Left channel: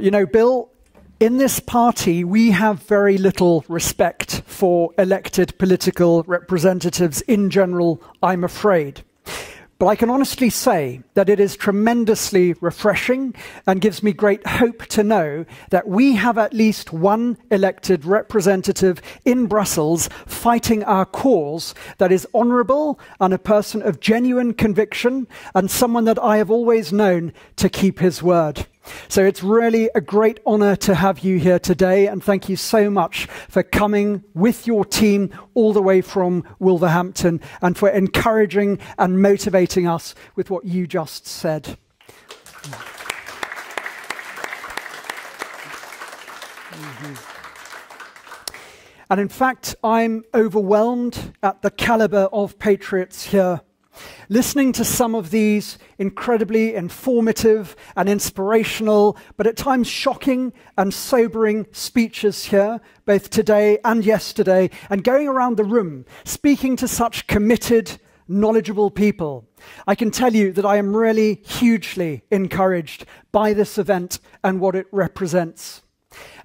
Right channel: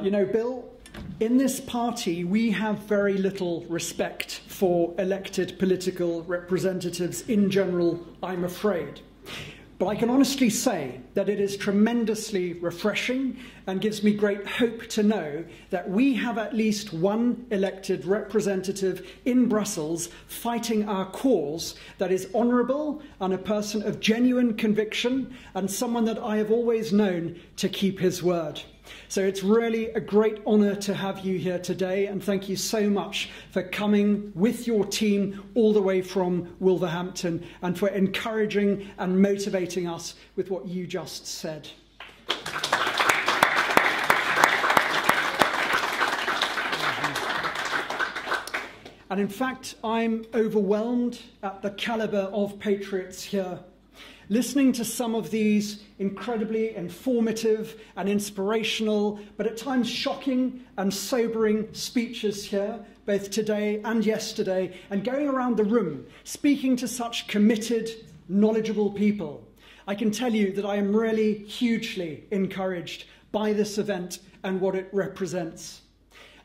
You know, Bill, in this party, we have very little respect for elected political representatives in general, I'm afraid. But I can honestly say that it is tremendously refreshing and gives me great hope to know that we have at least one elected representative in Brussels fighting our cause that is honourable and a person of genuine conviction and someone that I have always known to keep his word. So it's really a great honour to have you here today, and thank you so much for coming with your team all the way from Wolverhampton and for encouraging and motivating us with what you just said. And in fact, I'm overwhelmed at the calibre of patriots here. Listening to some of these incredibly informative and inspirational, but at times shocking and sobering speeches here, both today and yesterday, and going around the room, speaking to such committed, knowledgeable people, I can tell you that I am really hugely encouraged by this event and what it represents.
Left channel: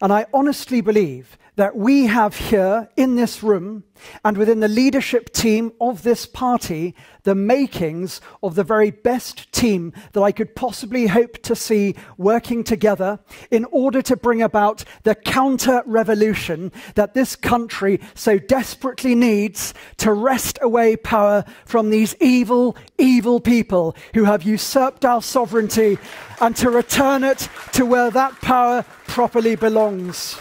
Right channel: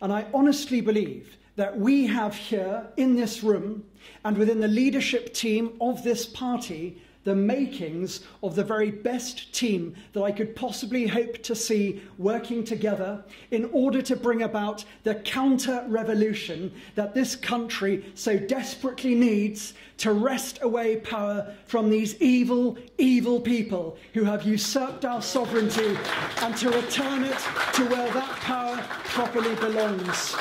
And I honestly believe that we have here in this room and within the leadership team of this party the makings of the very best team that I could possibly hope to see working together in order to bring about the counter-revolution that this country so desperately needs to wrest away power from these evil, evil people who have usurped our sovereignty and to return it to where that power properly belongs.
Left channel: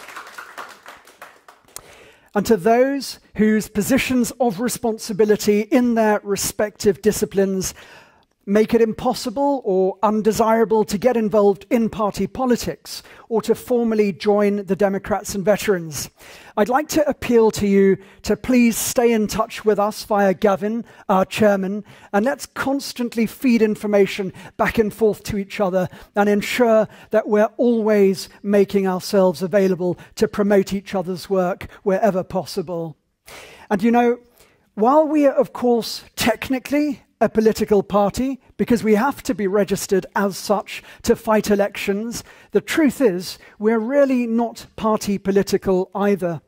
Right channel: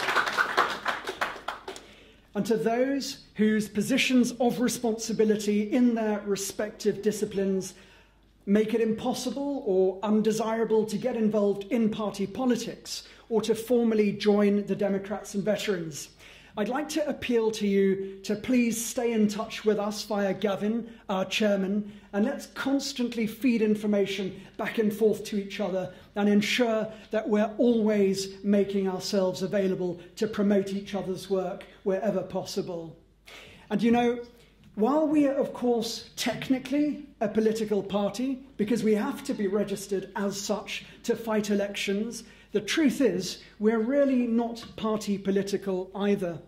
And to those whose positions of responsibility in their respective disciplines make it impossible or undesirable to get involved in party politics or to formally join the Democrats and Veterans, I'd like to appeal to you to please stay in touch with us via Gavin, our chairman, and let's constantly feed information back and forth to each other and ensure that we're always making ourselves available to promote each other's work wherever possible. And you know, while we are, of course, technically a political party, because we have to be registered as such to fight elections, the truth is we're really not party political either.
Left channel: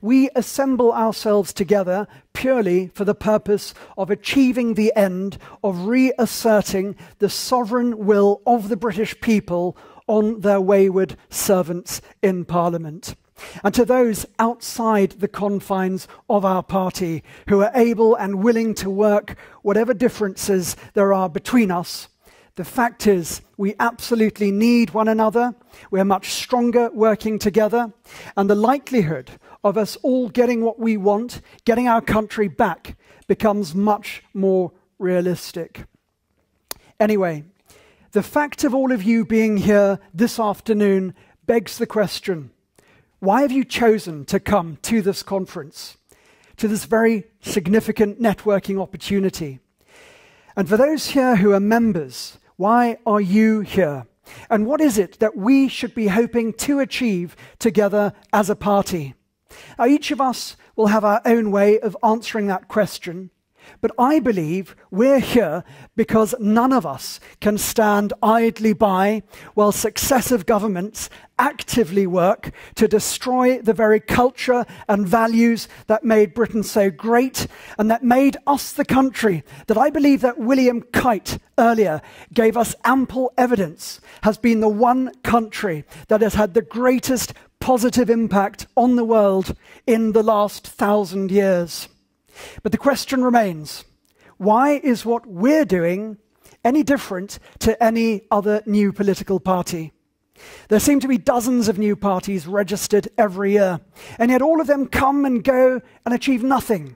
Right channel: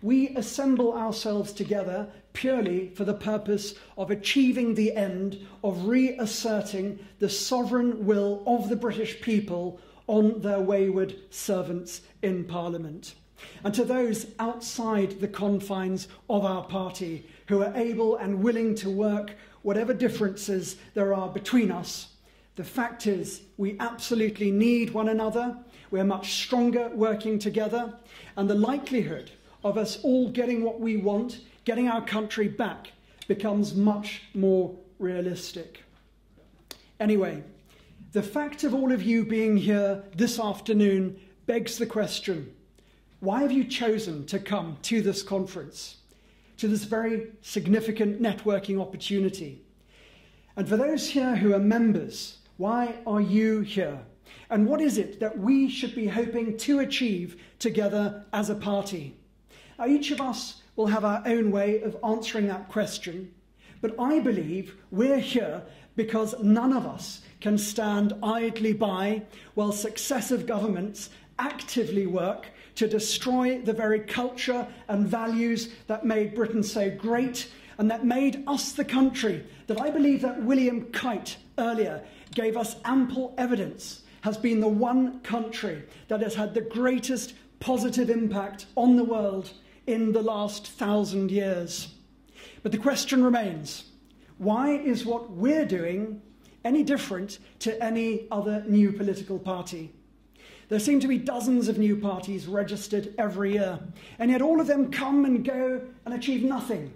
We assemble ourselves together purely for the purpose of achieving the end of reasserting the sovereign will of the British people on their wayward servants in Parliament. And to those outside the confines of our party who are able and willing to work whatever differences there are between us, the fact is we absolutely need one another. We're much stronger working together, and the likelihood of us all getting what we want, getting our country back, becomes much more realistic. Anyway, the fact of all of you being here this afternoon begs the question: why have you chosen to come to this conference, to this very significant networking opportunity? And for those here who are members, why are you here? And what is it that we should be hoping to achieve together as a party? Now, each of us will have our own way of answering that question, but I believe we're here because none of us can stand idly by while successive governments actively work to destroy the very culture and values that made Britain so great and that made us the country that I believe that William Kite earlier gave us ample evidence has been the one country that has had the greatest positive impact on the world in the last 1,000 years. But the question remains, why is what we're doing any different to any other new political party? There seem to be dozens of new parties registered every year, and yet all of them come and go and achieve nothing,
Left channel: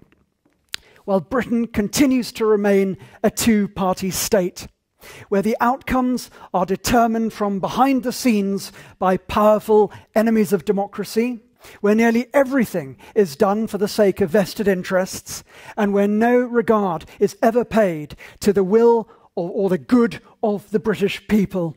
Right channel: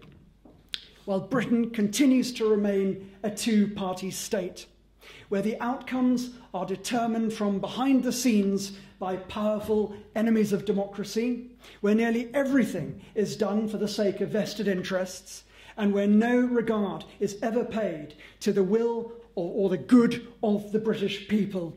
while Britain continues to remain a two-party state, where the outcomes are determined from behind the scenes by powerful enemies of democracy, where nearly everything is done for the sake of vested interests, and where no regard is ever paid to the will or the good of the British people.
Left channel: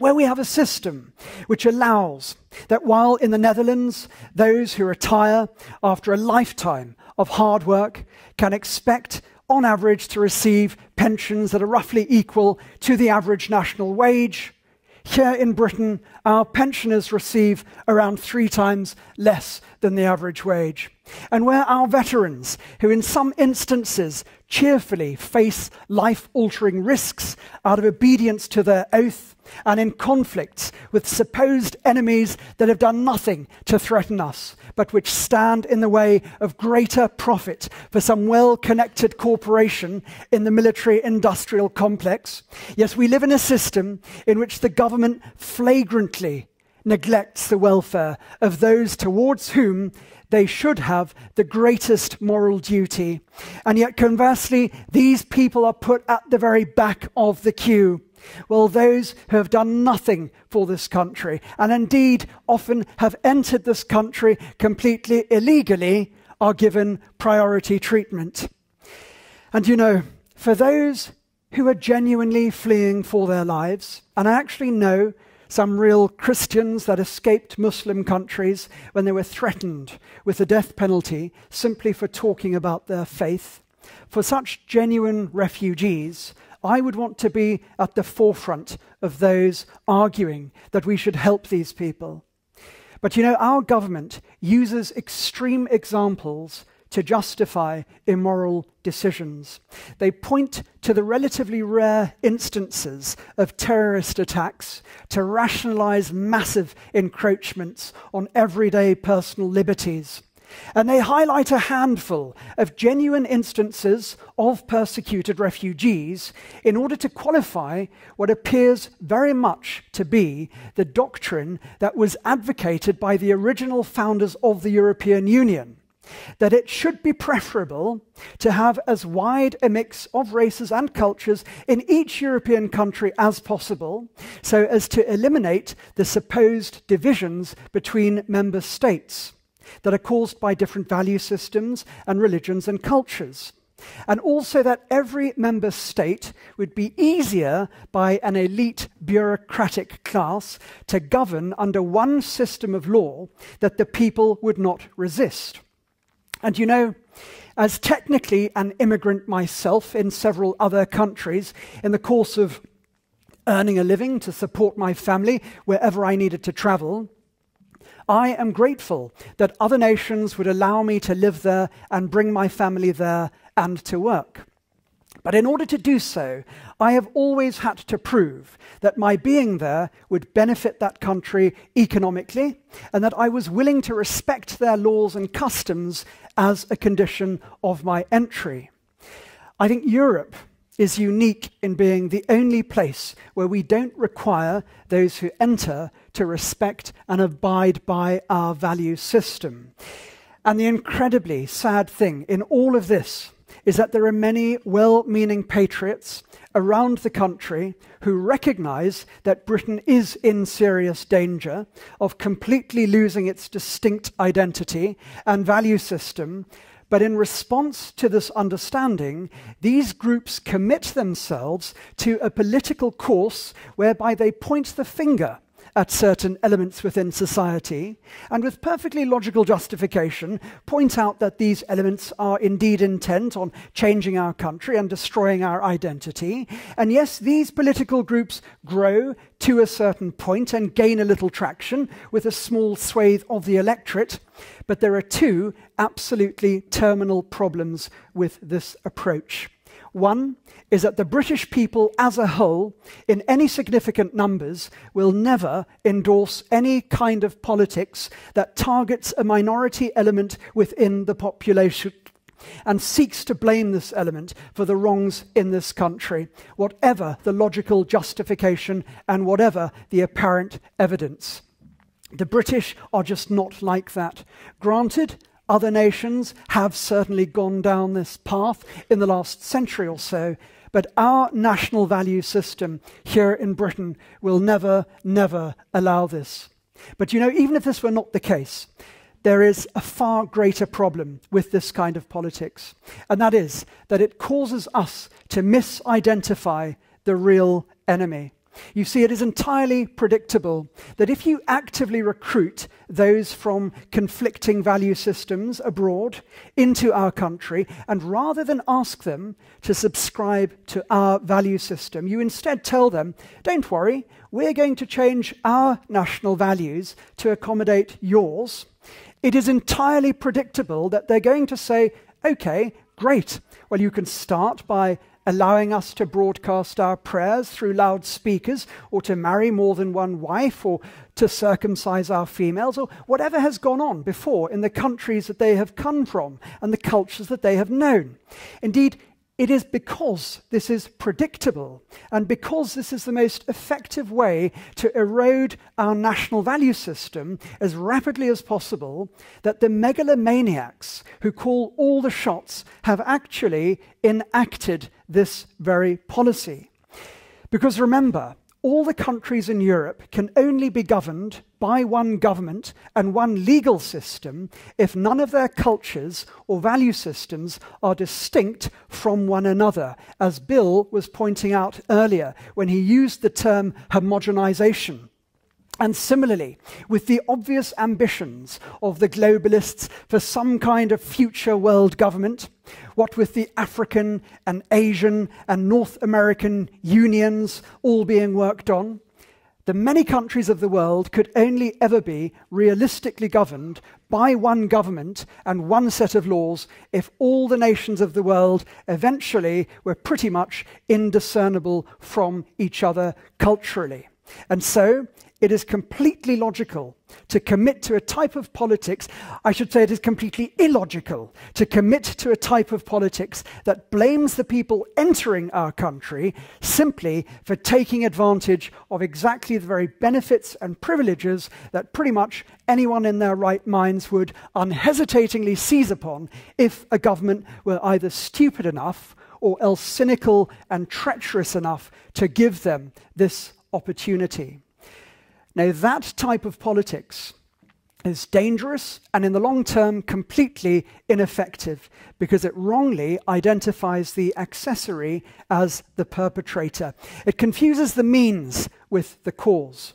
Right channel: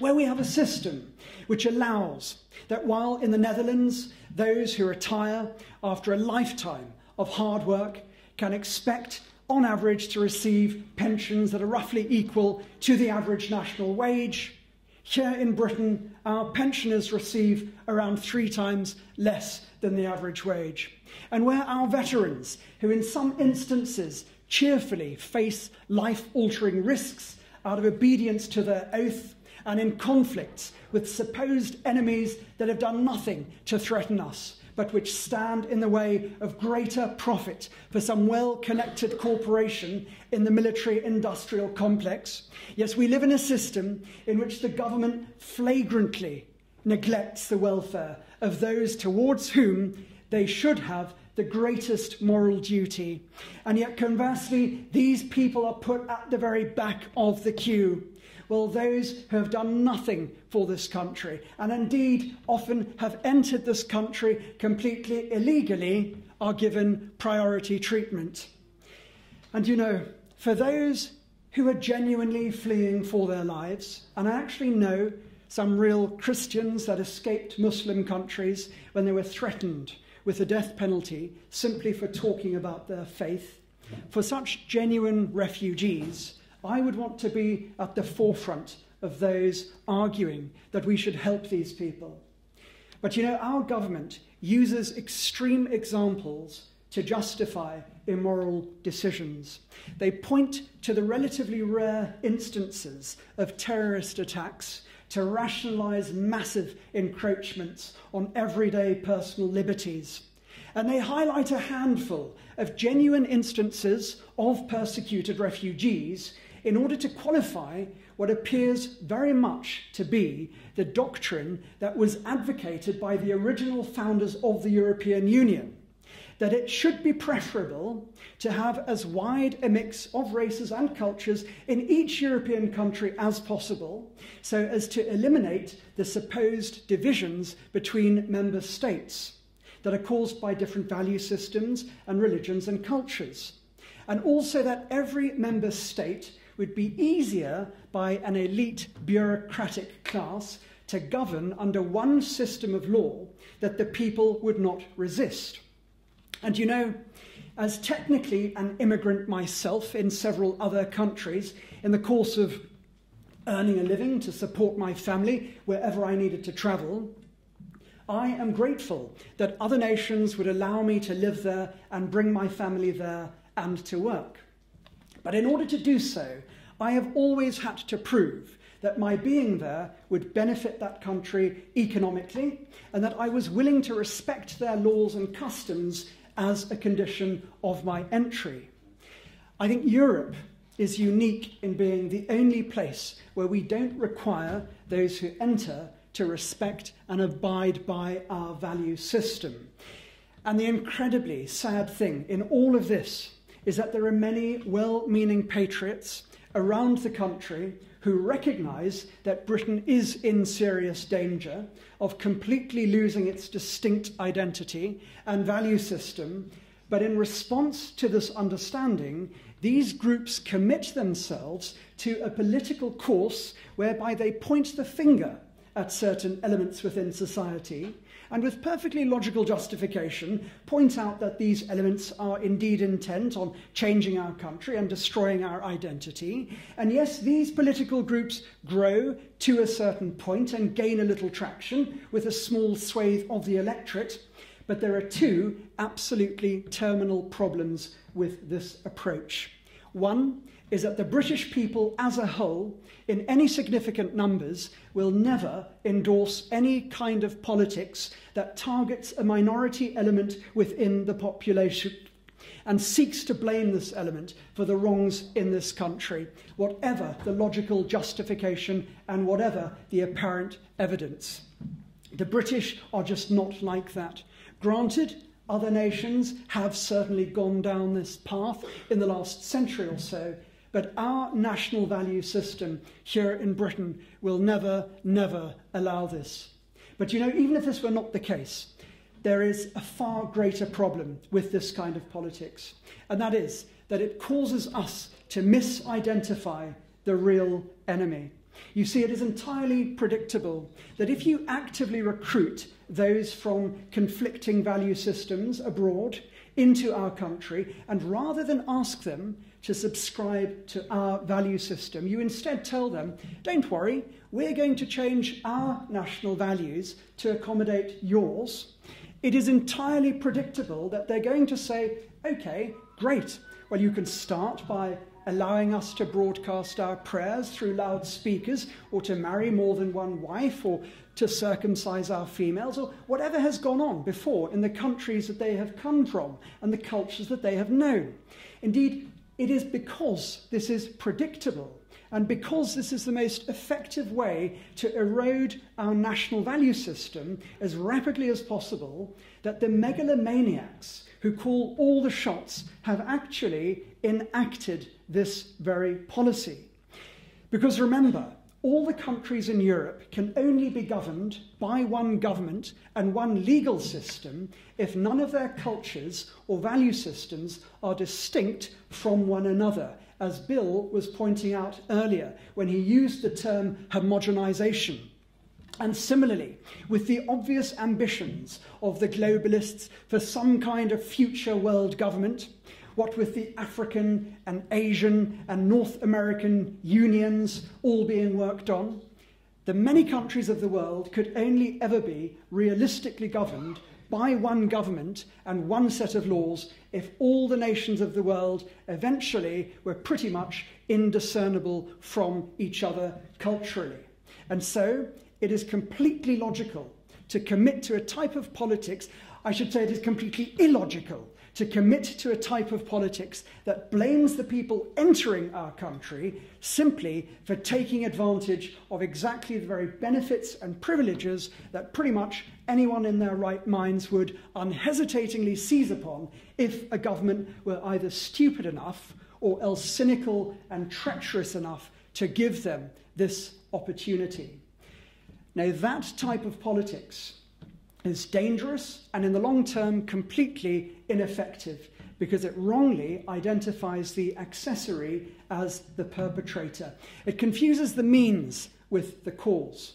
Where we have a system which allows that while in the Netherlands those who retire after a lifetime of hard work can expect on average, to receive pensions that are roughly equal to the average national wage. Here in Britain, our pensioners receive around 3 times less than the average wage. And where our veterans, who in some instances cheerfully face life-altering risks out of obedience to their oath and in conflicts with supposed enemies that have done nothing to threaten us, but which stand in the way of greater profit for some well-connected corporation in the military-industrial complex. Yes, we live in a system in which the government flagrantly neglects the welfare of those towards whom they should have the greatest moral duty. And yet, conversely, these people are put at the very back of the queue. Well, those who have done nothing for this country, and indeed often have entered this country completely illegally, are given priority treatment. And you know, for those who are genuinely fleeing for their lives, and I actually know some real Christians that escaped Muslim countries when they were threatened with the death penalty simply for talking about their faith, for such genuine refugees, I would want to be at the forefront of those arguing that we should help these people. But you know, our government uses extreme examples to justify immoral decisions. They point to the relatively rare instances of terrorist attacks to rationalize massive encroachments on everyday personal liberties. And they highlight a handful of genuine instances of persecuted refugees in order to qualify what appears very much to be the doctrine that was advocated by the original founders of the European Union, that it should be preferable to have as wide a mix of races and cultures in each European country as possible, so as to eliminate the supposed divisions between member states that are caused by different value systems and religions and cultures. And also that every member state would be easier by an elite bureaucratic class to govern under one system of law that the people would not resist. And you know, as technically an immigrant myself in several other countries, in the course of earning a living to support my family wherever I needed to travel, I am grateful that other nations would allow me to live there and bring my family there and to work. But in order to do so, I have always had to prove that my being there would benefit that country economically and that I was willing to respect their laws and customs as a condition of my entry. I think Europe is unique in being the only place where we don't require those who enter to respect and abide by our value system. And the incredibly sad thing in all of this is that there are many well-meaning patriots around the country who recognize that Britain is in serious danger of completely losing its distinct identity and value system. But in response to this understanding, these groups commit themselves to a political course whereby they point the finger at certain elements within society, and with perfectly logical justification, point out that these elements are indeed intent on changing our country and destroying our identity. And yes, these political groups grow to a certain point and gain a little traction with a small swathe of the electorate, but there are 2 absolutely terminal problems with this approach. One is that the British people as a whole, in any significant numbers, will never endorse any kind of politics that targets a minority element within the population and seeks to blame this element for the wrongs in this country, whatever the logical justification and whatever the apparent evidence. The British are just not like that. Granted, other nations have certainly gone down this path in the last century or so, but our national value system here in Britain will never, never allow this. But you know, even if this were not the case, there is a far greater problem with this kind of politics, and that is that it causes us to misidentify the real enemy. You see, it is entirely predictable that if you actively recruit those from conflicting value systems abroad into our country, and rather than ask them to subscribe to our value system, you instead tell them, don't worry, we're going to change our national values to accommodate yours, it is entirely predictable that they're going to say, okay, great, well, you can start by allowing us to broadcast our prayers through loudspeakers, or to marry more than one wife, or to circumcise our females, or whatever has gone on before in the countries that they have come from and the cultures that they have known. Indeed, it is because this is predictable and because this is the most effective way to erode our national value system as rapidly as possible that the megalomaniacs who call all the shots have actually enacted this very policy. Because remember, all the countries in Europe can only be governed by one government and one legal system if none of their cultures or value systems are distinct from one another, as Bill was pointing out earlier when he used the term homogenization. And similarly, with the obvious ambitions of the globalists for some kind of future world government, what with the African and Asian and North American unions all being worked on, the many countries of the world could only ever be realistically governed by one government and one set of laws if all the nations of the world eventually were pretty much indiscernible from each other culturally. And so it is completely logical to commit to a type of politics, I should say it is completely illogical to commit to a type of politics that blames the people entering our country simply for taking advantage of exactly the very benefits and privileges that pretty much anyone in their right minds would unhesitatingly seize upon if a government were either stupid enough or else cynical and treacherous enough to give them this opportunity. Now, that type of politics is dangerous and in the long term completely ineffective because it wrongly identifies the accessory as the perpetrator. It confuses the means with the cause.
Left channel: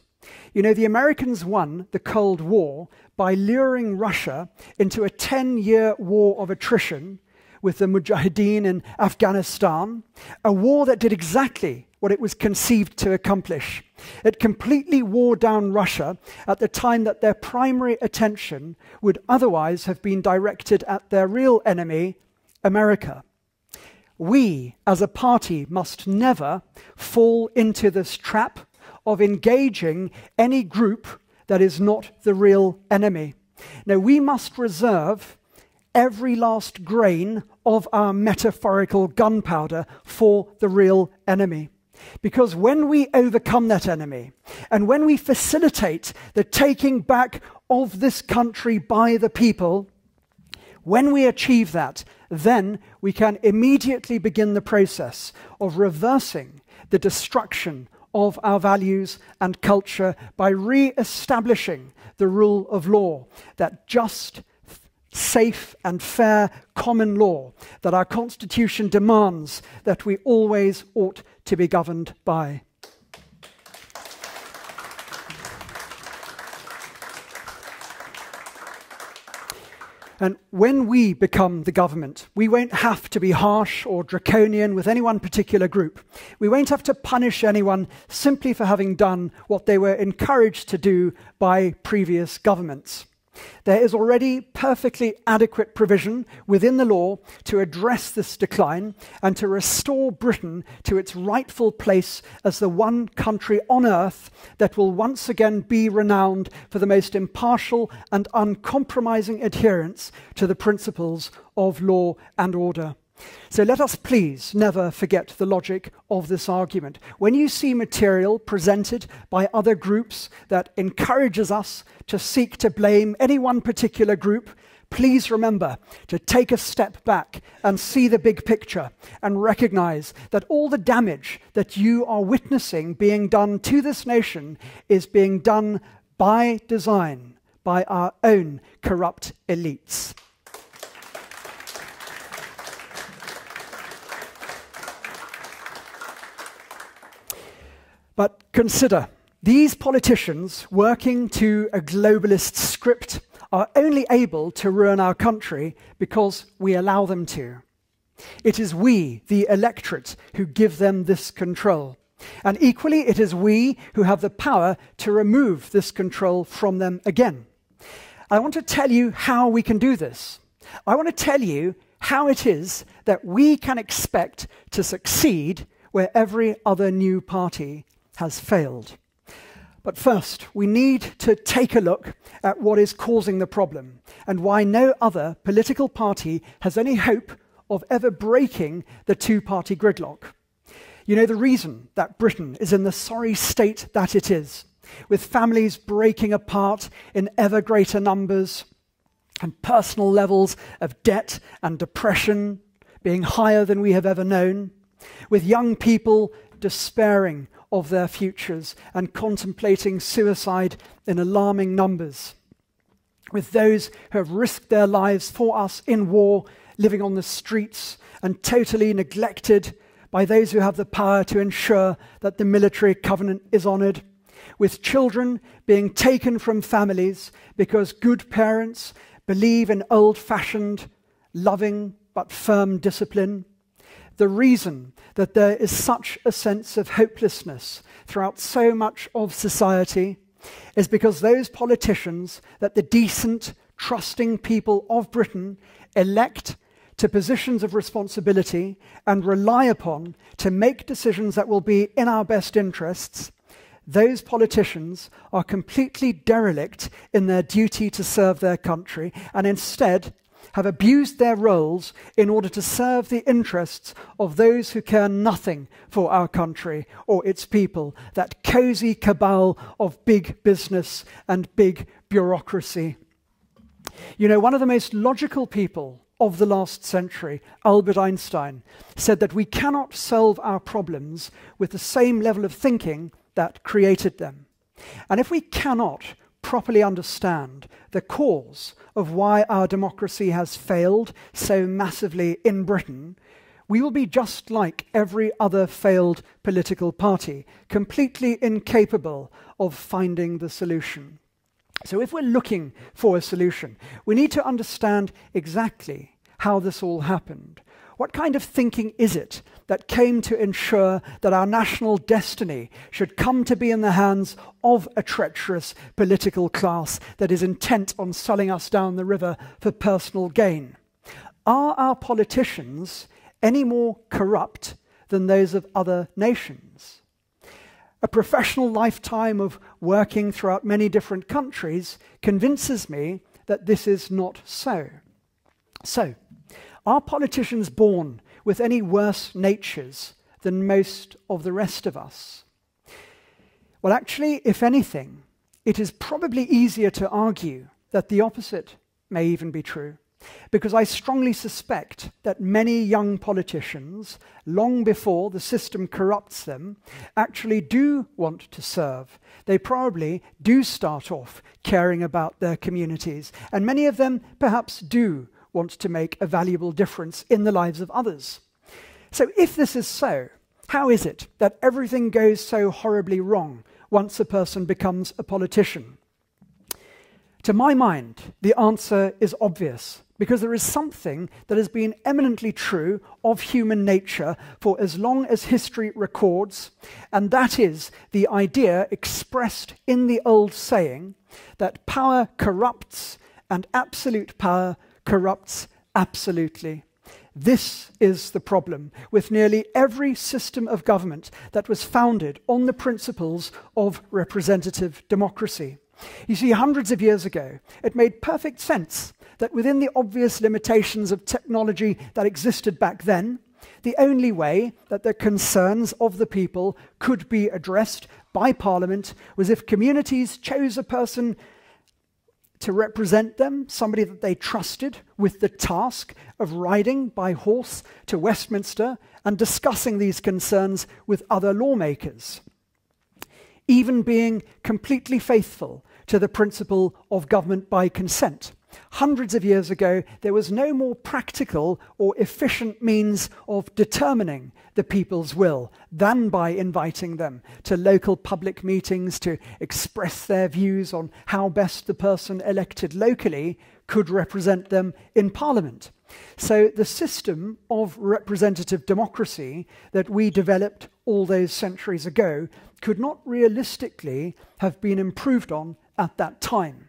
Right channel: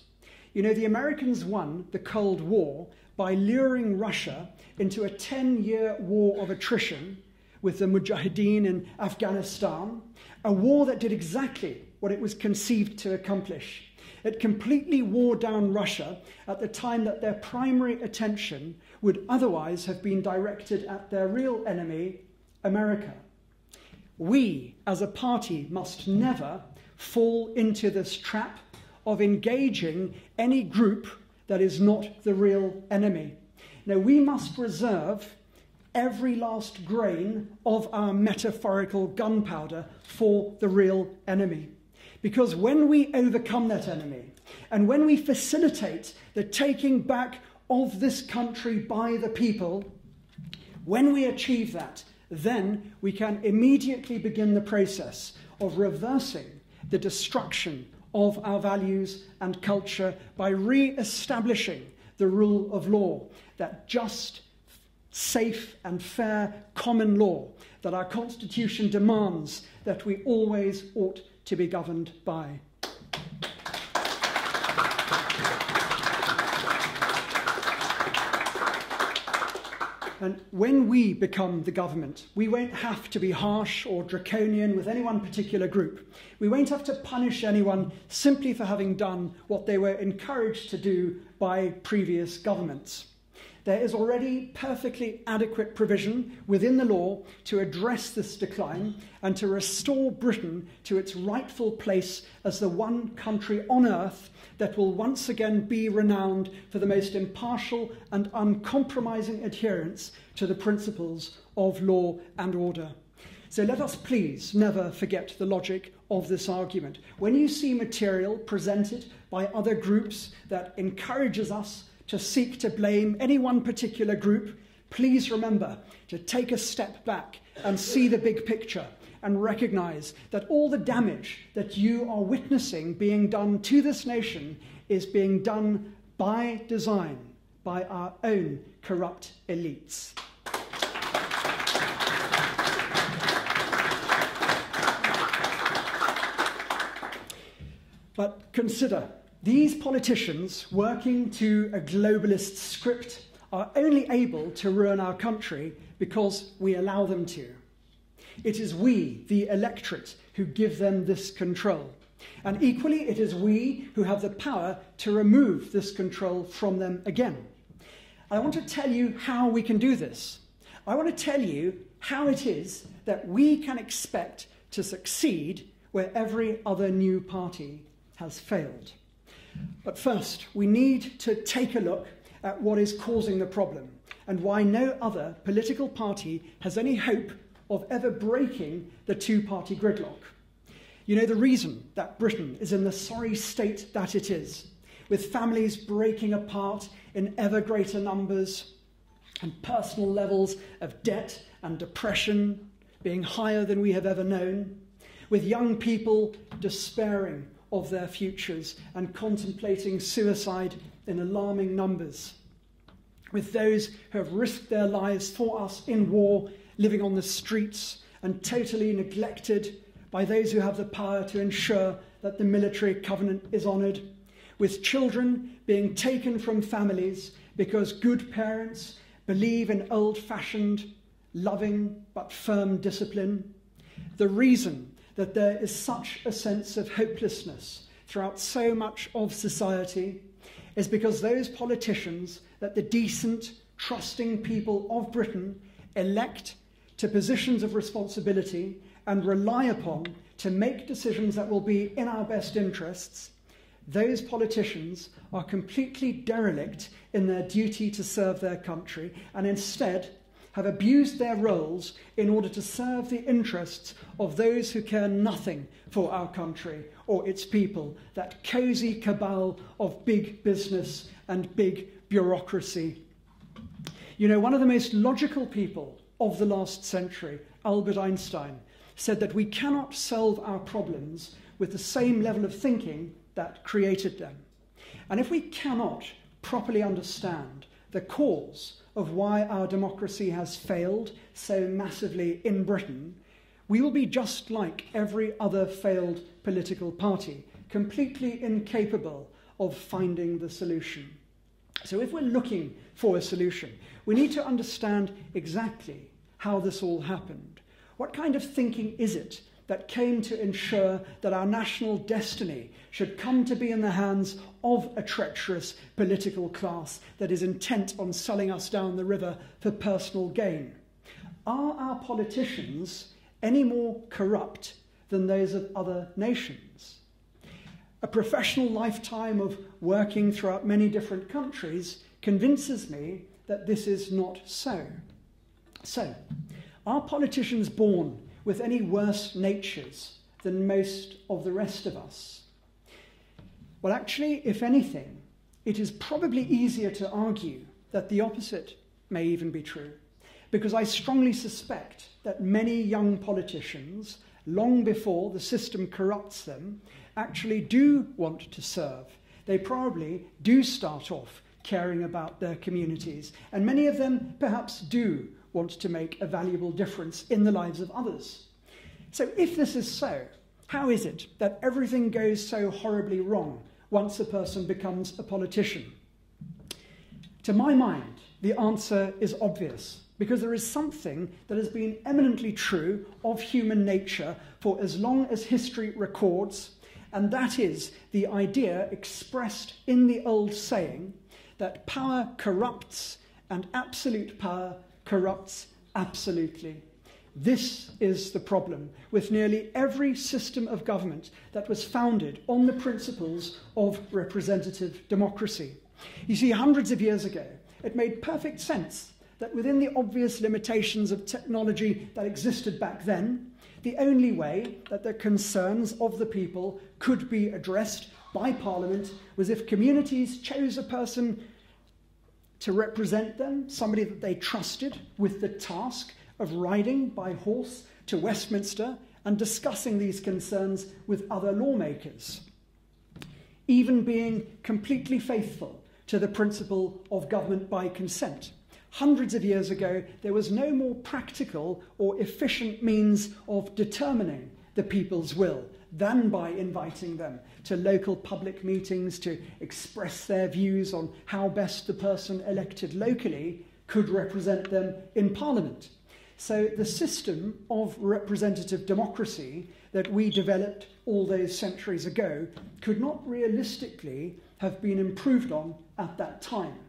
You know, the Americans won the Cold War by luring Russia into a 10-year war of attrition with the Mujahideen in Afghanistan, a war that did exactly what it was conceived to accomplish. It completely wore down Russia at the time that their primary attention would otherwise have been directed at their real enemy, America. We, as a party, must never fall into this trap of engaging any group that is not the real enemy. Now, we must reserve every last grain of our metaphorical gunpowder for the real enemy. Because when we overcome that enemy, and when we facilitate the taking back of this country by the people, when we achieve that, then we can immediately begin the process of reversing the destruction of our values and culture by re-establishing the rule of law, that just, safe and fair common law that our Constitution demands that we always ought to be governed by. And when we become the government, we won't have to be harsh or draconian with any one particular group. We won't have to punish anyone simply for having done what they were encouraged to do by previous governments. There is already perfectly adequate provision within the law to address this decline and to restore Britain to its rightful place as the one country on earth that will once again be renowned for the most impartial and uncompromising adherence to the principles of law and order. So let us please never forget the logic of this argument. When you see material presented by other groups that encourages us to seek to blame any one particular group, please remember to take a step back and see the big picture and recognize that all the damage that you are witnessing being done to this nation is being done by design by our own corrupt elites. But consider, these politicians working to a globalist script are only able to ruin our country because we allow them to. It is we, the electorate, who give them this control. And equally, it is we who have the power to remove this control from them again. I want to tell you how we can do this. I want to tell you how it is that we can expect to succeed where every other new party has failed. But first, we need to take a look at what is causing the problem and why no other political party has any hope of ever breaking the two-party gridlock. You know the reason that Britain is in the sorry state that it is, with families breaking apart in ever greater numbers and personal levels of debt and depression being higher than we have ever known, with young people despairing of their futures and contemplating suicide in alarming numbers, with those who have risked their lives for us in war living on the streets and totally neglected by those who have the power to ensure that the military covenant is honoured, with children being taken from families because good parents believe in old-fashioned, loving but firm discipline. The reason that there is such a sense of hopelessness throughout so much of society is because those politicians that the decent, trusting people of Britain elect to positions of responsibility and rely upon to make decisions that will be in our best interests, those politicians are completely derelict in their duty to serve their country and instead have abused their roles in order to serve the interests of those who care nothing for our country or its people, that cosy cabal of big business and big bureaucracy. You know, one of the most logical people of the last century, Albert Einstein, said that we cannot solve our problems with the same level of thinking that created them. And if we cannot properly understand the cause of why our democracy has failed so massively in Britain, we will be just like every other failed political party, completely incapable of finding the solution. So if we're looking for a solution, we need to understand exactly how this all happened. What kind of thinking is it that came to ensure that our national destiny should come to be in the hands of a treacherous political class that is intent on selling us down the river for personal gain? Are our politicians any more corrupt than those of other nations? A professional lifetime of working throughout many different countries convinces me that this is not so. So, are politicians born with any worse natures than most of the rest of us? Well, actually, if anything, it is probably easier to argue that the opposite may even be true, because I strongly suspect that many young politicians, long before the system corrupts them, actually do want to serve. They probably do start off caring about their communities, and many of them perhaps do want to make a valuable difference in the lives of others. So if this is so, how is it that everything goes so horribly wrong once a person becomes a politician? To my mind, the answer is obvious, because there is something that has been eminently true of human nature for as long as history records, and that is the idea expressed in the old saying that power corrupts and absolute power corrupts absolutely. This is the problem with nearly every system of government that was founded on the principles of representative democracy. You see, hundreds of years ago, it made perfect sense that within the obvious limitations of technology that existed back then, the only way that the concerns of the people could be addressed by Parliament was if communities chose a person to represent them, somebody that they trusted, with the task of riding by horse to Westminster and discussing these concerns with other lawmakers, even being completely faithful to the principle of government by consent. Hundreds of years ago, there was no more practical or efficient means of determining the people's will than by inviting them to local public meetings to express their views on how best the person elected locally could represent them in Parliament. So the system of representative democracy that we developed all those centuries ago could not realistically have been improved on at that time.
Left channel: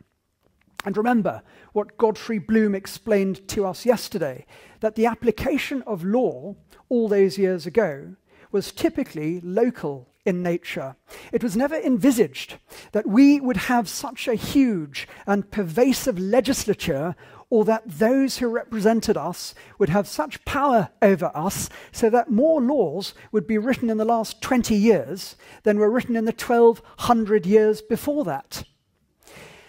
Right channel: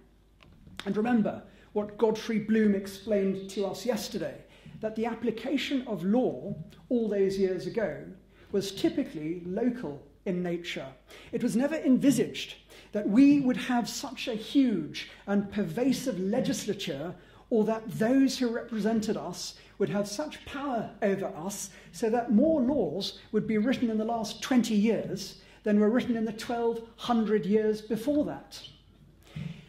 And remember what Godfrey Bloom explained to us yesterday, that the application of law all those years ago was typically local in nature. It was never envisaged that we would have such a huge and pervasive legislature, or that those who represented us would have such power over us so that more laws would be written in the last 20 years than were written in the 1200 years before that.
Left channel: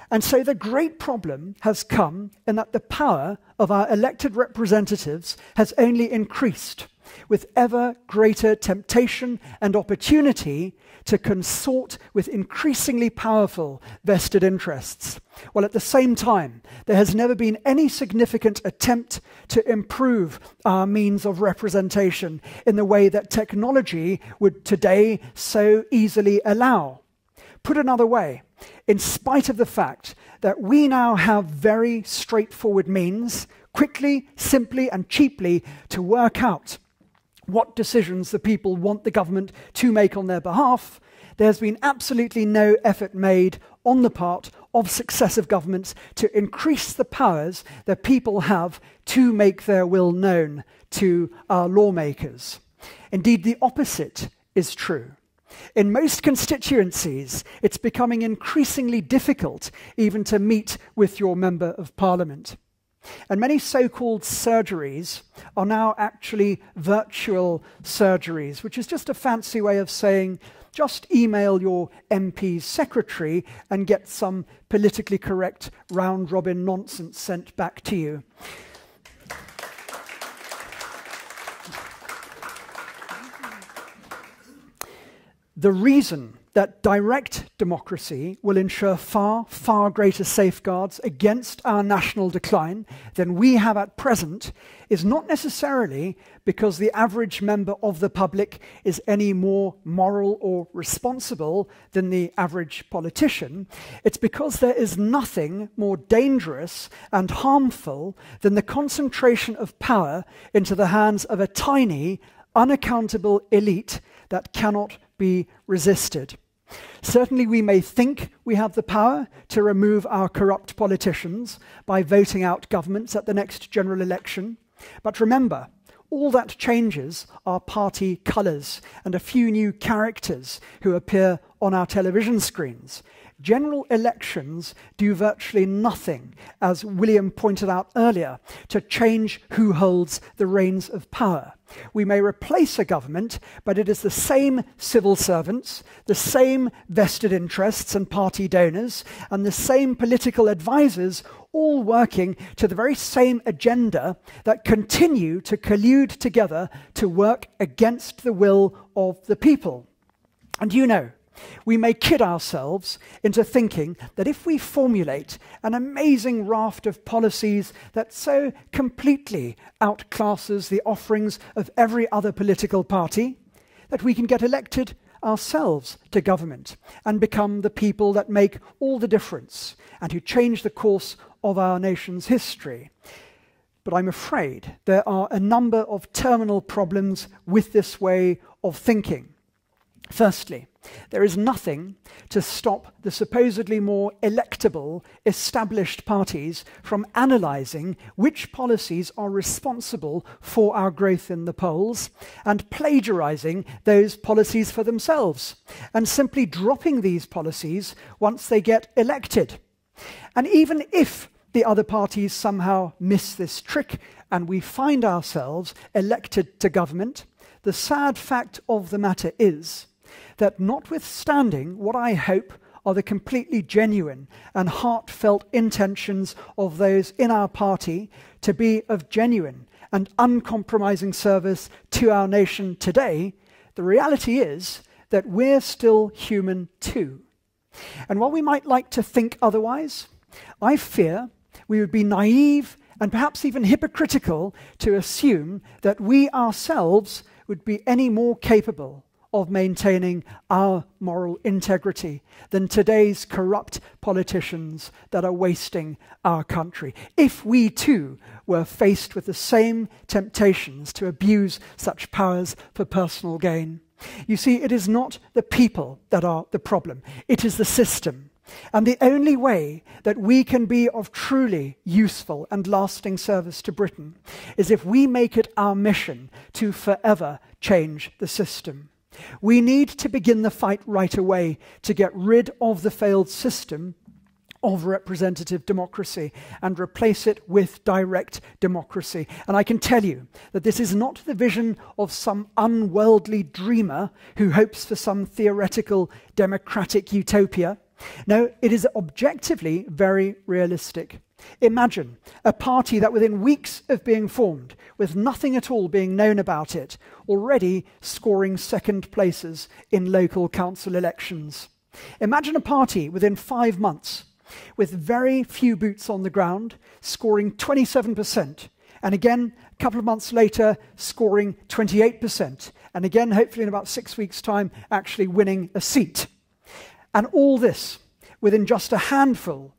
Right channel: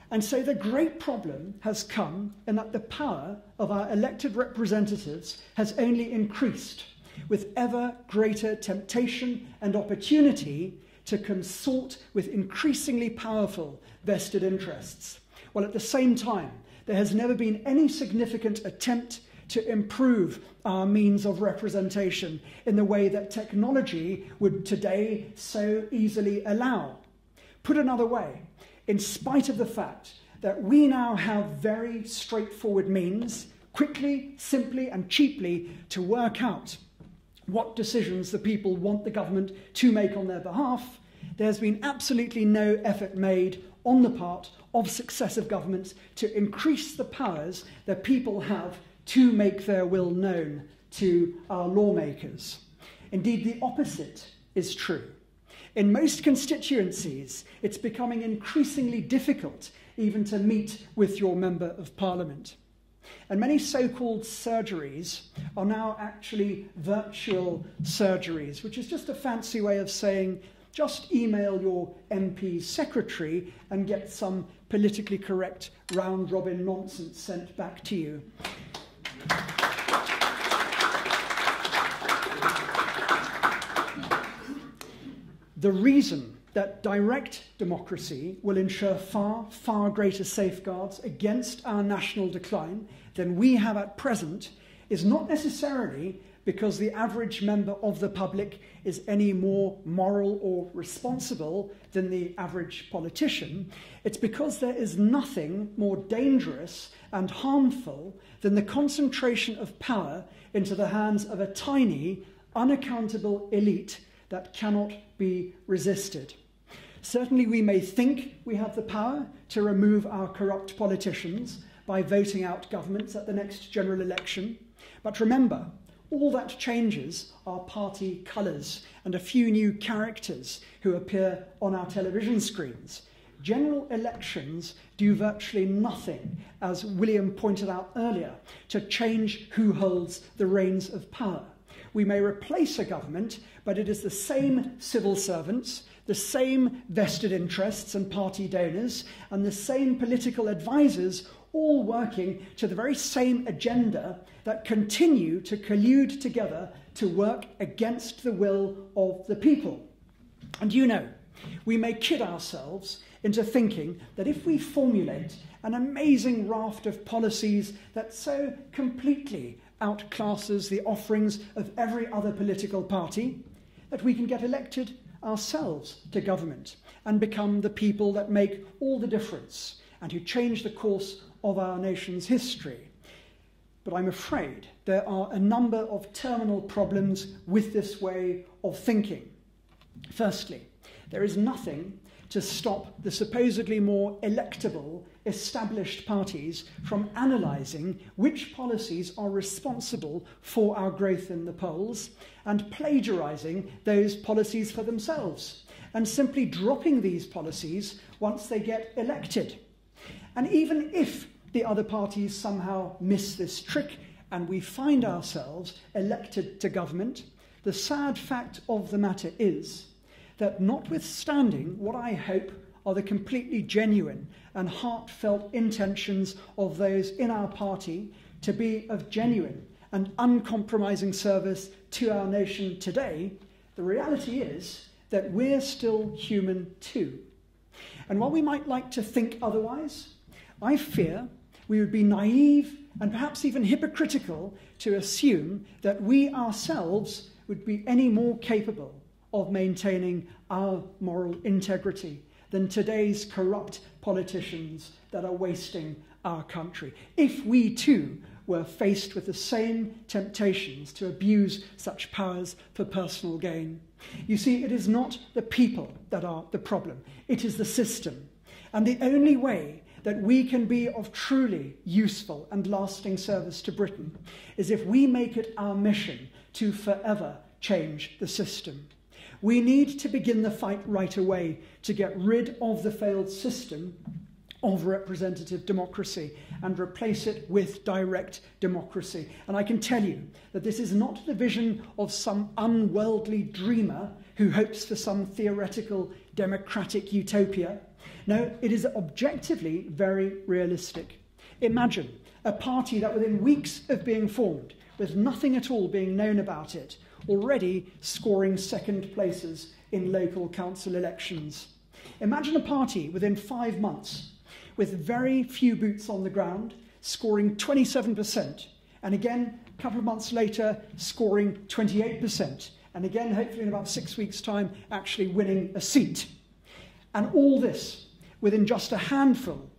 And so the great problem has come in that the power of our elected representatives has only increased, with ever greater temptation and opportunity to consort with increasingly powerful vested interests, while at the same time there has never been any significant attempt to improve our means of representation in the way that technology would today so easily allow. Put another way, in spite of the fact that we now have very straightforward means, quickly, simply, and cheaply, to work out what decisions the people want the government to make on their behalf, there's been absolutely no effort made on the part of successive governments to increase the powers that people have to make their will known to our lawmakers. Indeed, the opposite is true. In most constituencies, it's becoming increasingly difficult even to meet with your Member of Parliament. And many so-called surgeries are now actually virtual surgeries, which is just a fancy way of saying, just email your MP's secretary and get some politically correct round-robin nonsense sent back to you. The reason that direct democracy will ensure far, far greater safeguards against our national decline than we have at present is not necessarily because the average member of the public is any more moral or responsible than the average politician. It's because there is nothing more dangerous and harmful than the concentration of power into the hands of a tiny, unaccountable elite that cannot be resisted. Certainly we may think we have the power to remove our corrupt politicians by voting out governments at the next general election. But remember, all that changes are party colours and a few new characters who appear on our television screens. General elections do virtually nothing, as William pointed out earlier, to change who holds the reins of power. We may replace a government, but it is the same civil servants, the same vested interests and party donors, and the same political advisors, all working to the very same agenda that continue to collude together to work against the will of the people. And you know, we may kid ourselves into thinking that if we formulate an amazing raft of policies that so completely outclasses the offerings of every other political party, that we can get elected ourselves to government and become the people that make all the difference and who change the course of our nation's history. But I'm afraid there are a number of terminal problems with this way of thinking. Firstly, there is nothing to stop the supposedly more electable established parties from analysing which policies are responsible for our growth in the polls and plagiarising those policies for themselves and simply dropping these policies once they get elected. And even if the other parties somehow miss this trick and we find ourselves elected to government, the sad fact of the matter is that notwithstanding what I hope are the completely genuine and heartfelt intentions of those in our party to be of genuine and uncompromising service to our nation today, the reality is that we're still human too. And while we might like to think otherwise, I fear we would be naive and perhaps even hypocritical to assume that we ourselves would be any more capable of maintaining our moral integrity than today's corrupt politicians that are wasting our country. If we too were faced with the same temptations to abuse such powers for personal gain. You see, it is not the people that are the problem, it is the system. And the only way that we can be of truly useful and lasting service to Britain is if we make it our mission to forever change the system. We need to begin the fight right away to get rid of the failed system of representative democracy and replace it with direct democracy. And I can tell you that this is not the vision of some unworldly dreamer who hopes for some theoretical democratic utopia. No, it is objectively very realistic. Imagine a party that within weeks of being formed, with nothing at all being known about it, already scoring second places in local council elections. Imagine a party within 5 months, with very few boots on the ground, scoring 27%, and again, a couple of months later, scoring 28%, and again, hopefully in about 6 weeks' time, actually winning a seat. And all this within just a handful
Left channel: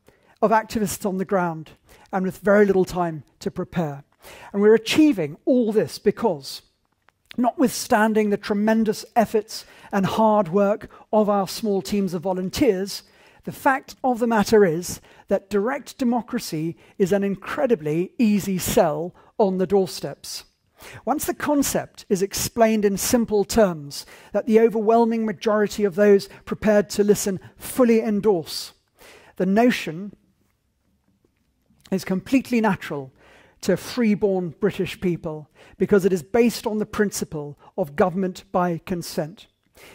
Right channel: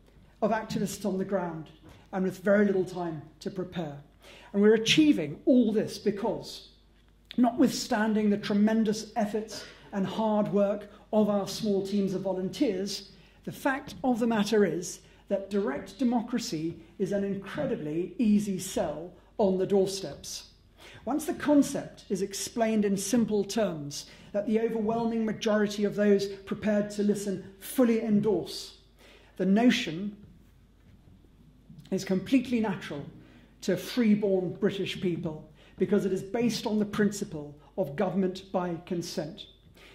of activists on the ground, and with very little time to prepare. And we're achieving all this because, notwithstanding the tremendous efforts and hard work of our small teams of volunteers, the fact of the matter is that direct democracy is an incredibly easy sell on the doorsteps. Once the concept is explained in simple terms that the overwhelming majority of those prepared to listen fully endorse, the notion is completely natural to freeborn British people because it is based on the principle of government by consent.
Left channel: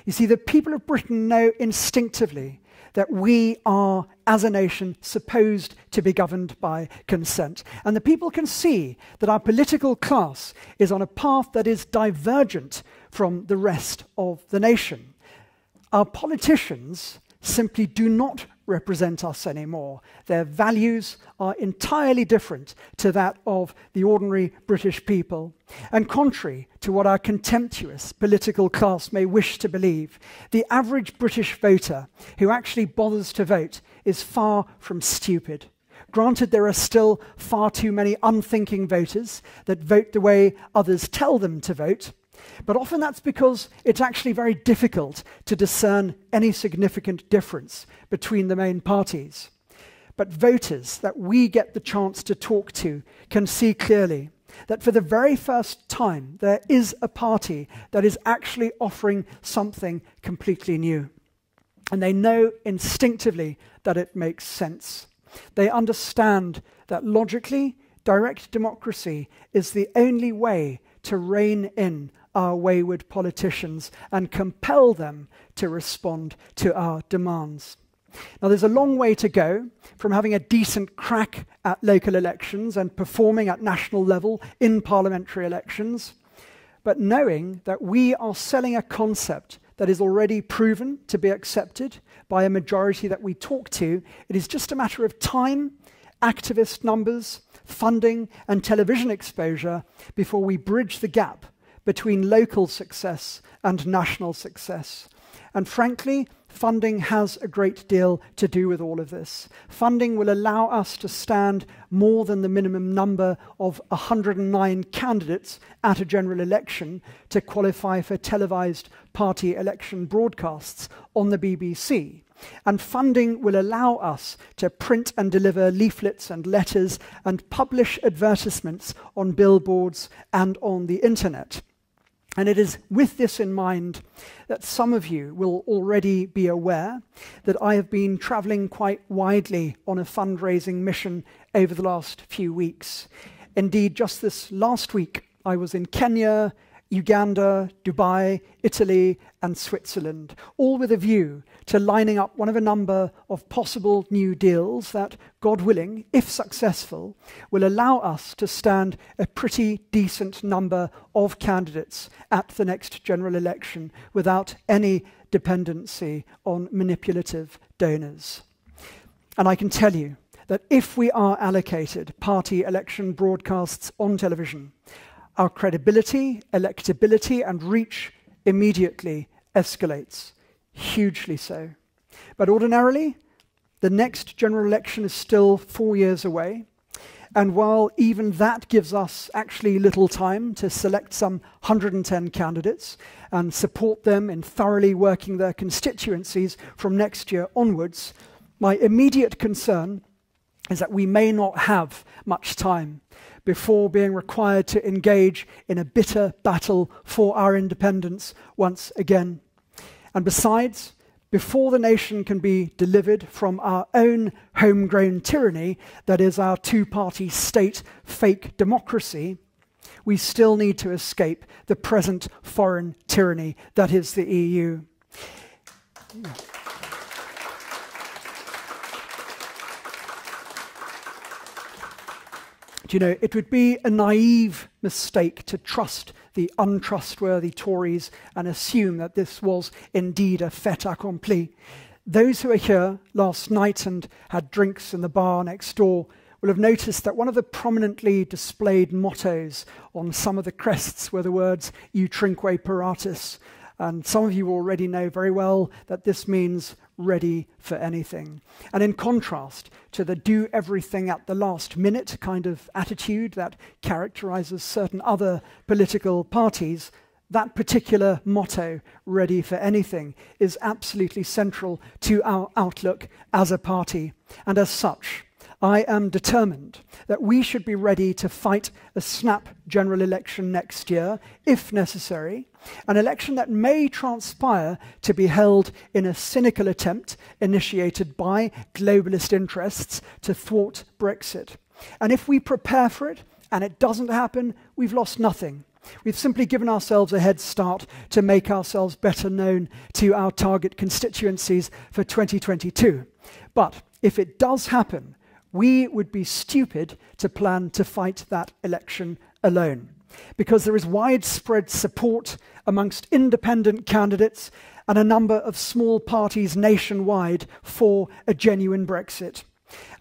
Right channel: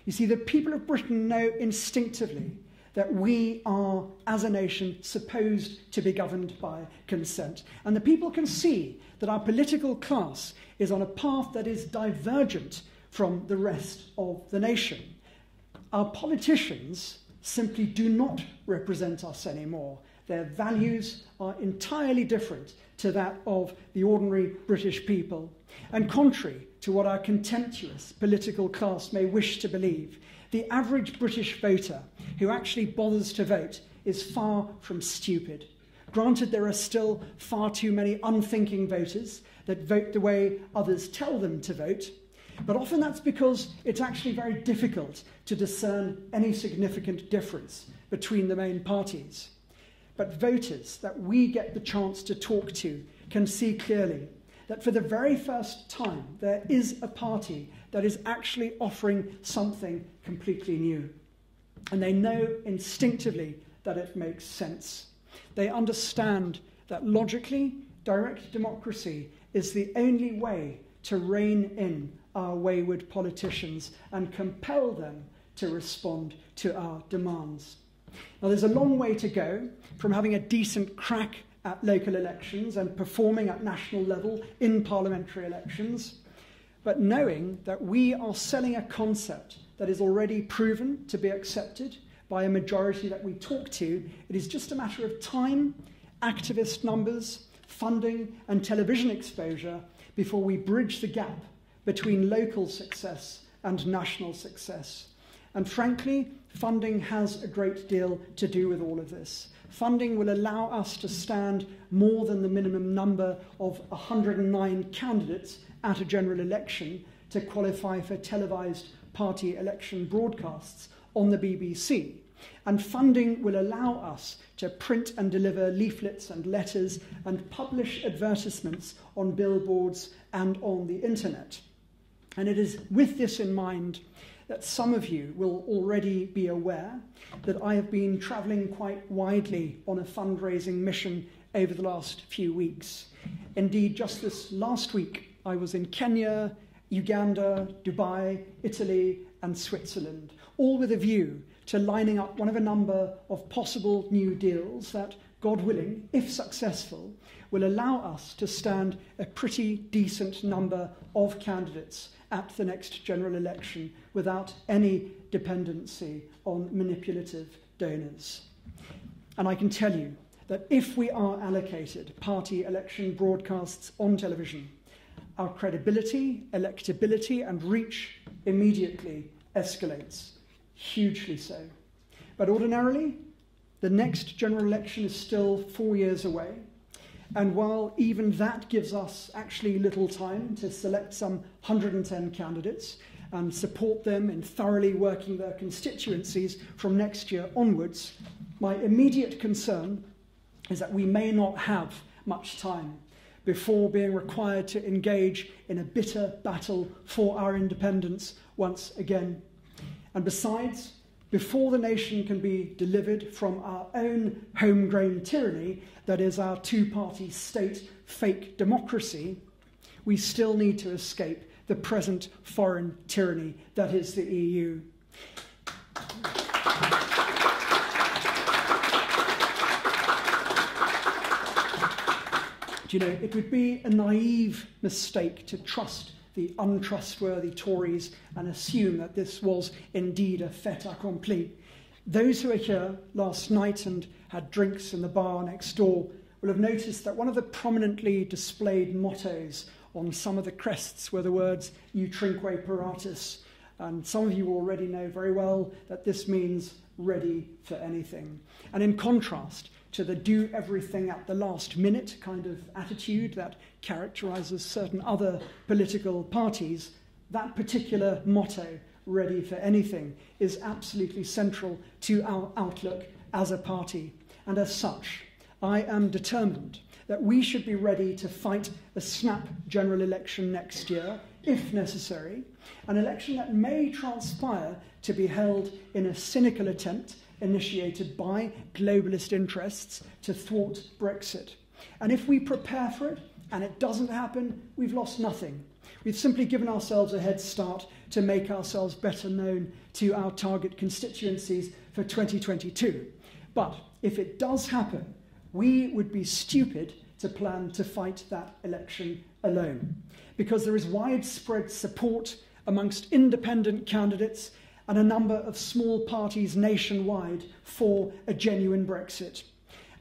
You see, the people of Britain know instinctively that we are, as a nation, supposed to be governed by consent. And the people can see that our political class is on a path that is divergent from the rest of the nation. Our politicians simply do not represent us anymore. Their values are entirely different to that of the ordinary British people. And contrary to what our contemptuous political class may wish to believe, the average British voter who actually bothers to vote is far from stupid. Granted, there are still far too many unthinking voters that vote the way others tell them to vote, but often that's because it's actually very difficult to discern any significant difference between the main parties. But voters that we get the chance to talk to can see clearly that for the very first time there is a party that is actually offering something completely new. And they know instinctively that it makes sense. They understand that logically, direct democracy is the only way to rein in our wayward politicians and compel them to respond to our demands. Now, there's a long way to go from having a decent crack at local elections and performing at national level in parliamentary elections, but knowing that we are selling a concept that is already proven to be accepted by a majority that we talk to, it is just a matter of time, activist numbers, funding, and television exposure before we bridge the gap between local success and national success. And frankly, funding has a great deal to do with all of this. Funding will allow us to stand more than the minimum number of 109 candidates at a general election to qualify for televised party election broadcasts on the BBC. And funding will allow us to print and deliver leaflets and letters and publish advertisements on billboards and on the internet. And it is with this in mind that some of you will already be aware that I have been travelling quite widely on a fundraising mission over the last few weeks. Indeed, just this last week, I was in Kenya, Uganda, Dubai, Italy, and Switzerland, all with a view to lining up one of a number of possible new deals that, God willing, if successful, will allow us to stand a pretty decent number of candidates at the next general election without any dependency on manipulative donors. And I can tell you that if we are allocated party election broadcasts on television, our credibility, electability, and reach immediately escalates, hugely so. But ordinarily, the next general election is still 4 years away, and while even that gives us actually little time to select some 110 candidates and support them in thoroughly working their constituencies from next year onwards, my immediate concern is that we may not have much time before being required to engage in a bitter battle for our independence once again. And besides, before the nation can be delivered from our own homegrown tyranny, that is our two-party state fake democracy, we still need to escape the present foreign tyranny that is the EU. Do you know, it would be a naive mistake to trust the untrustworthy Tories and assume that this was indeed a fait accompli. Those who were here last night and had drinks in the bar next door will have noticed that one of the prominently displayed mottos on some of the crests were the words "Utrinque paratus," and some of you already know very well that this means ready for anything. And in contrast to the do everything at the last minute kind of attitude that characterizes certain other political parties, that particular motto, ready for anything, is absolutely central to our outlook as a party. And as such, I am determined that we should be ready to fight a snap general election next year, if necessary, an election that may transpire to be held in a cynical attempt initiated by globalist interests to thwart Brexit. And if we prepare for it and it doesn't happen, we've lost nothing. We've simply given ourselves a head start to make ourselves better known to our target constituencies for 2022. But if it does happen, we would be stupid to plan to fight that election alone, because there is widespread support amongst independent candidates and a number of small parties nationwide for a genuine Brexit.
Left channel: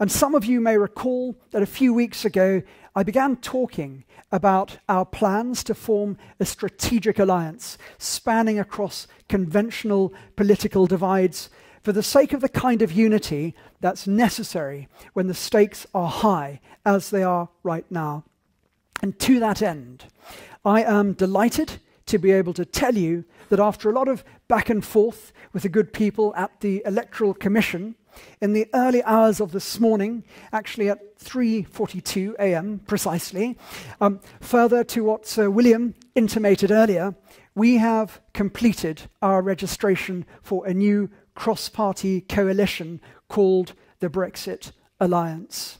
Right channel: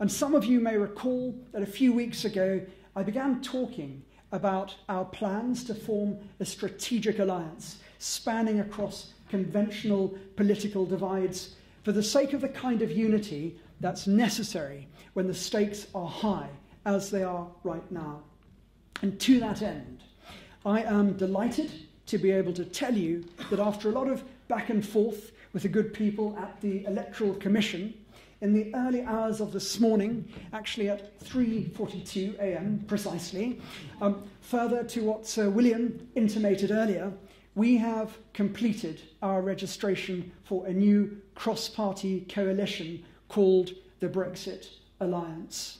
And some of you may recall that a few weeks ago I began talking about our plans to form a strategic alliance spanning across conventional political divides for the sake of the kind of unity that's necessary when the stakes are high, as they are right now. And to that end, I am delighted to be able to tell you that after a lot of back and forth with the good people at the Electoral Commission, in the early hours of this morning, actually at 3:42 a.m. precisely, further to what Sir William intimated earlier, we have completed our registration for a new cross-party coalition called the Brexit Alliance.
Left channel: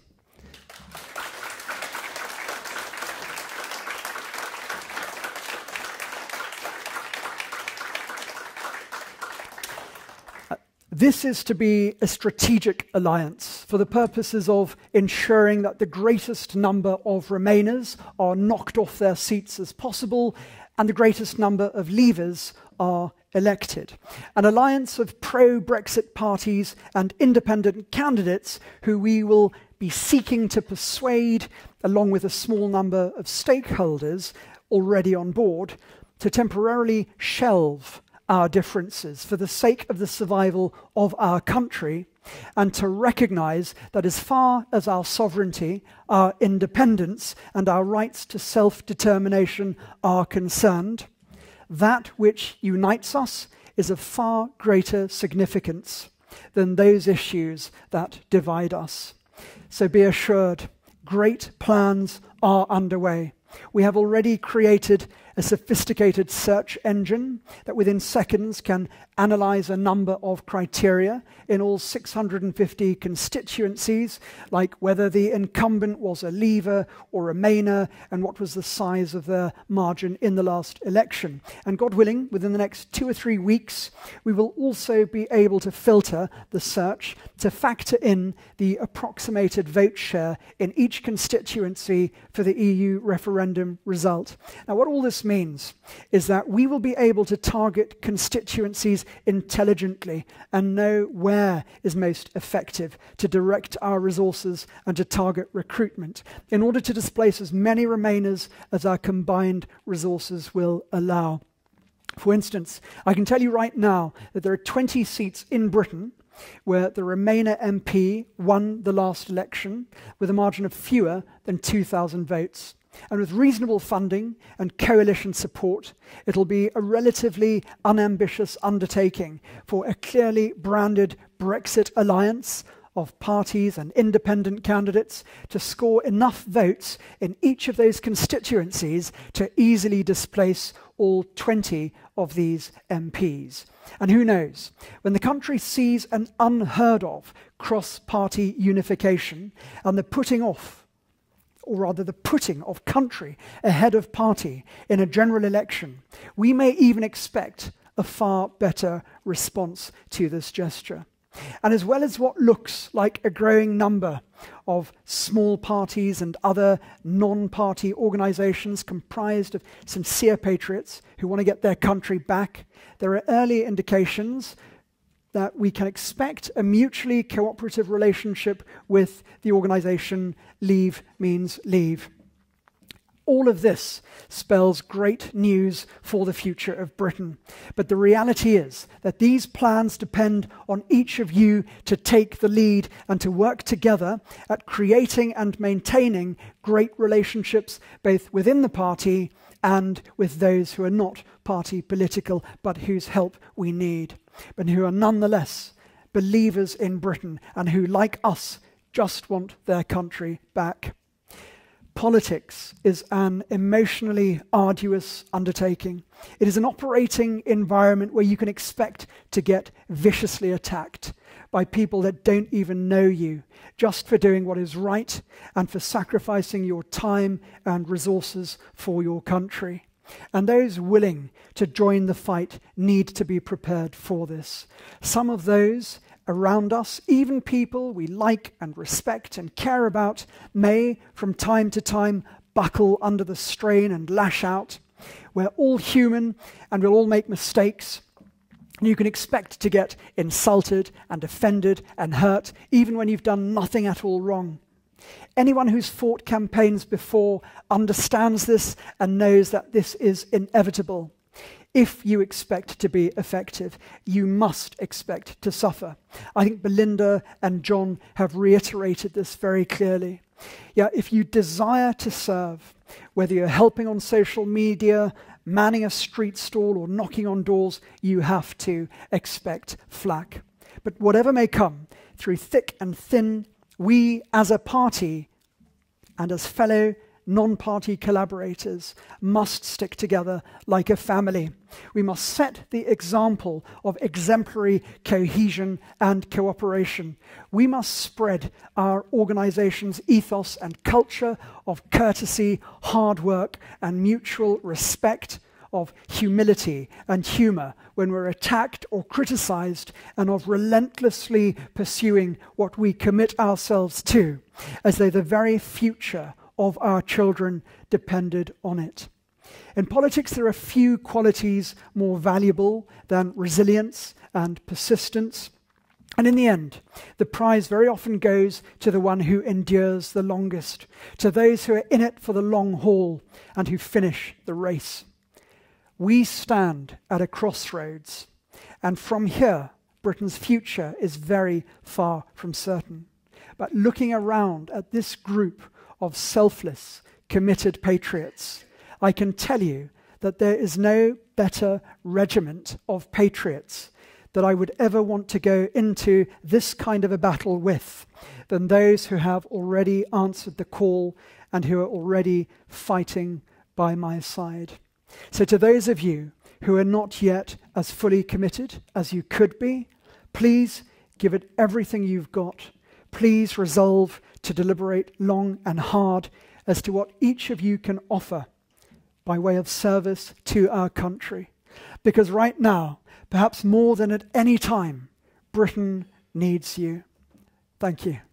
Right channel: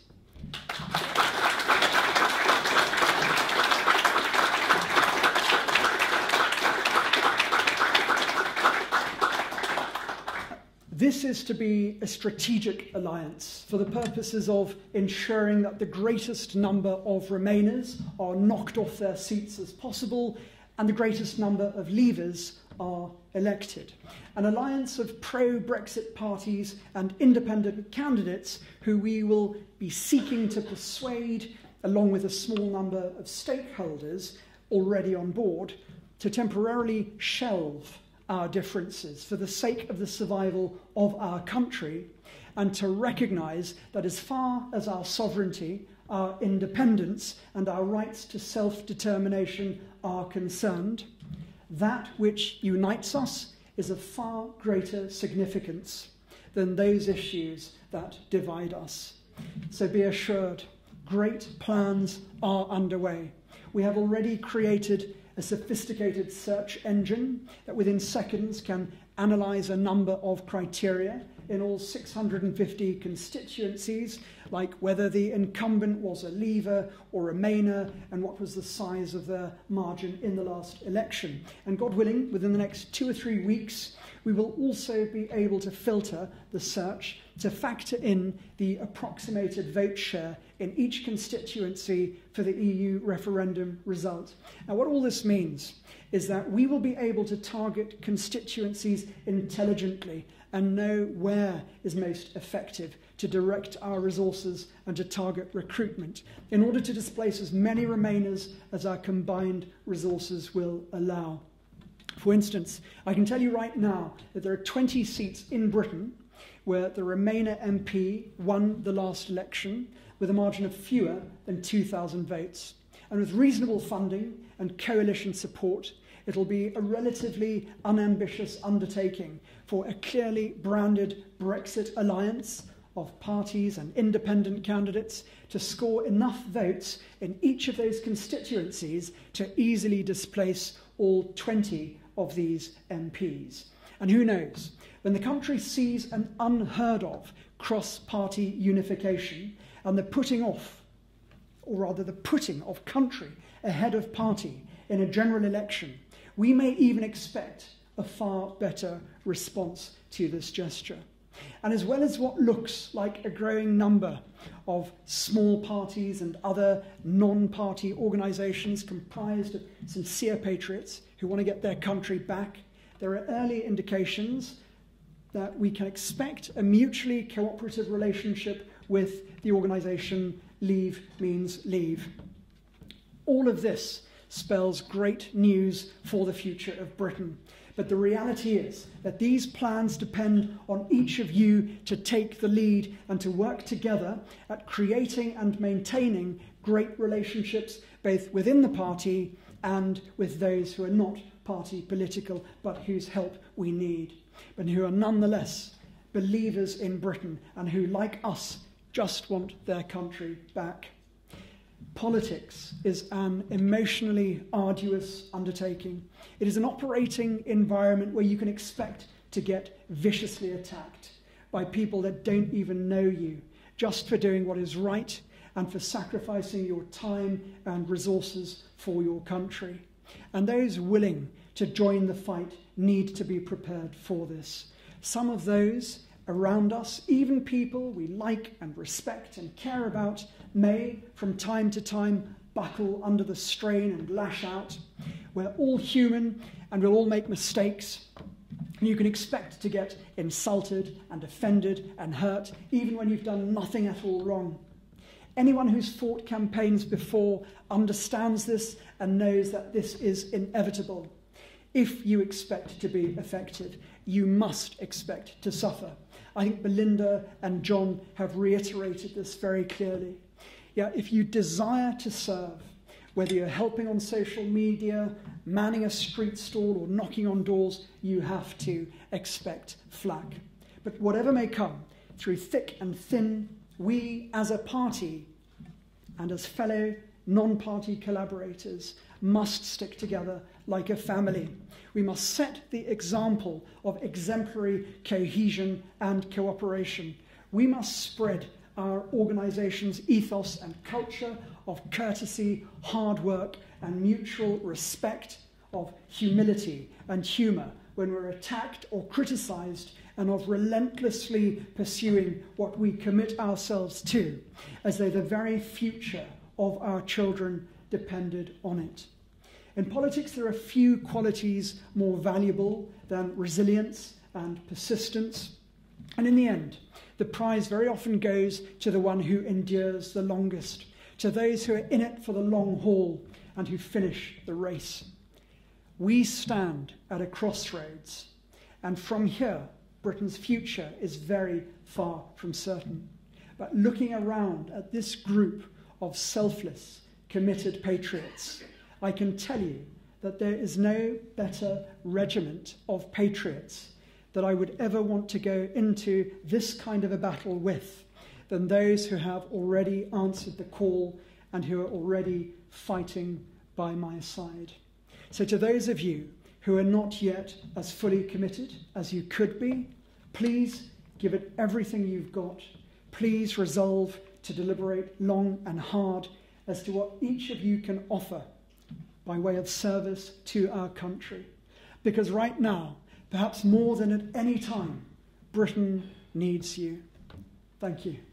This is to be a strategic alliance for the purposes of ensuring that the greatest number of Remainers are knocked off their seats as possible and the greatest number of Leavers are elected. An alliance of pro-Brexit parties and independent candidates who we will be seeking to persuade, along with a small number of stakeholders already on board, to temporarily shelve our differences for the sake of the survival of our country, and to recognise that as far as our sovereignty, our independence, and our rights to self-determination are concerned, that which unites us is of far greater significance than those issues that divide us. So be assured, great plans are underway. We have already created a sophisticated search engine that within seconds can analyse a number of criteria in all 650 constituencies, like whether the incumbent was a Leaver or a Remainer and what was the size of their margin in the last election. And God willing, within the next 2 or 3 weeks, we will also be able to filter the search to factor in the approximated vote share in each constituency for the EU referendum result. Now, what all this means is that we will be able to target constituencies intelligently and know where is most effective to direct our resources and to target recruitment in order to displace as many Remainers as our combined resources will allow. For instance, I can tell you right now that there are 20 seats in Britain where the Remainer MP won the last election with a margin of fewer than 2,000 votes. And with reasonable funding and coalition support, it'll be a relatively unambitious undertaking for a clearly branded Brexit alliance of parties and independent candidates to score enough votes in each of those constituencies to easily displace all 20 of these MPs. And who knows, when the country sees an unheard of cross-party unification and the putting of country ahead of party in a general election, we may even expect a far better response to this gesture. And as well as what looks like a growing number of small parties and other non-party organisations comprised of sincere patriots who want to get their country back, there are early indications that we can expect a mutually cooperative relationship with the organisation Leave Means Leave. All of this spells great news for the future of Britain. But the reality is that these plans depend on each of you to take the lead and to work together at creating and maintaining great relationships both within the party and with those who are not party political, but whose help we need, but who are nonetheless believers in Britain and who, like us, just want their country back. Politics is an emotionally arduous undertaking. It is an operating environment where you can expect to get viciously attacked by people that don't even know you, just for doing what is right and for sacrificing your time and resources for your country. And those willing to join the fight need to be prepared for this. Some of those around us, even people we like and respect and care about, may from time to time buckle under the strain and lash out. We're all human and we'll all make mistakes. And you can expect to get insulted and offended and hurt even when you've done nothing at all wrong. Anyone who's fought campaigns before understands this and knows that this is inevitable. If you expect to be effective, you must expect to suffer. I think Belinda and John have reiterated this very clearly. Yeah, if you desire to serve, whether you're helping on social media, manning a street stall, or knocking on doors, you have to expect flack. But whatever may come, through thick and thin, we as a party and as fellow non-party collaborators must stick together like a family. We must set the example of exemplary cohesion and cooperation. We must spread our organization's ethos and culture of courtesy, hard work, and mutual respect, of humility and humor when we're attacked or criticized, and of relentlessly pursuing what we commit ourselves to, as though the very future of our children depended on it. In politics, there are few qualities more valuable than resilience and persistence. And in the end, the prize very often goes to the one who endures the longest, to those who are in it for the long haul and who finish the race. We stand at a crossroads, and from here, Britain's future is very far from certain. But looking around at this group of selfless, committed patriots, I can tell you that there is no better regiment of patriots that I would ever want to go into this kind of a battle with than those who have already answered the call and who are already fighting by my side. So to those of you who are not yet as fully committed as you could be, please give it everything you've got. Please resolve to deliberate long and hard as to what each of you can offer by way of service to our country. Because right now, perhaps more than at any time, Britain needs you. Thank you.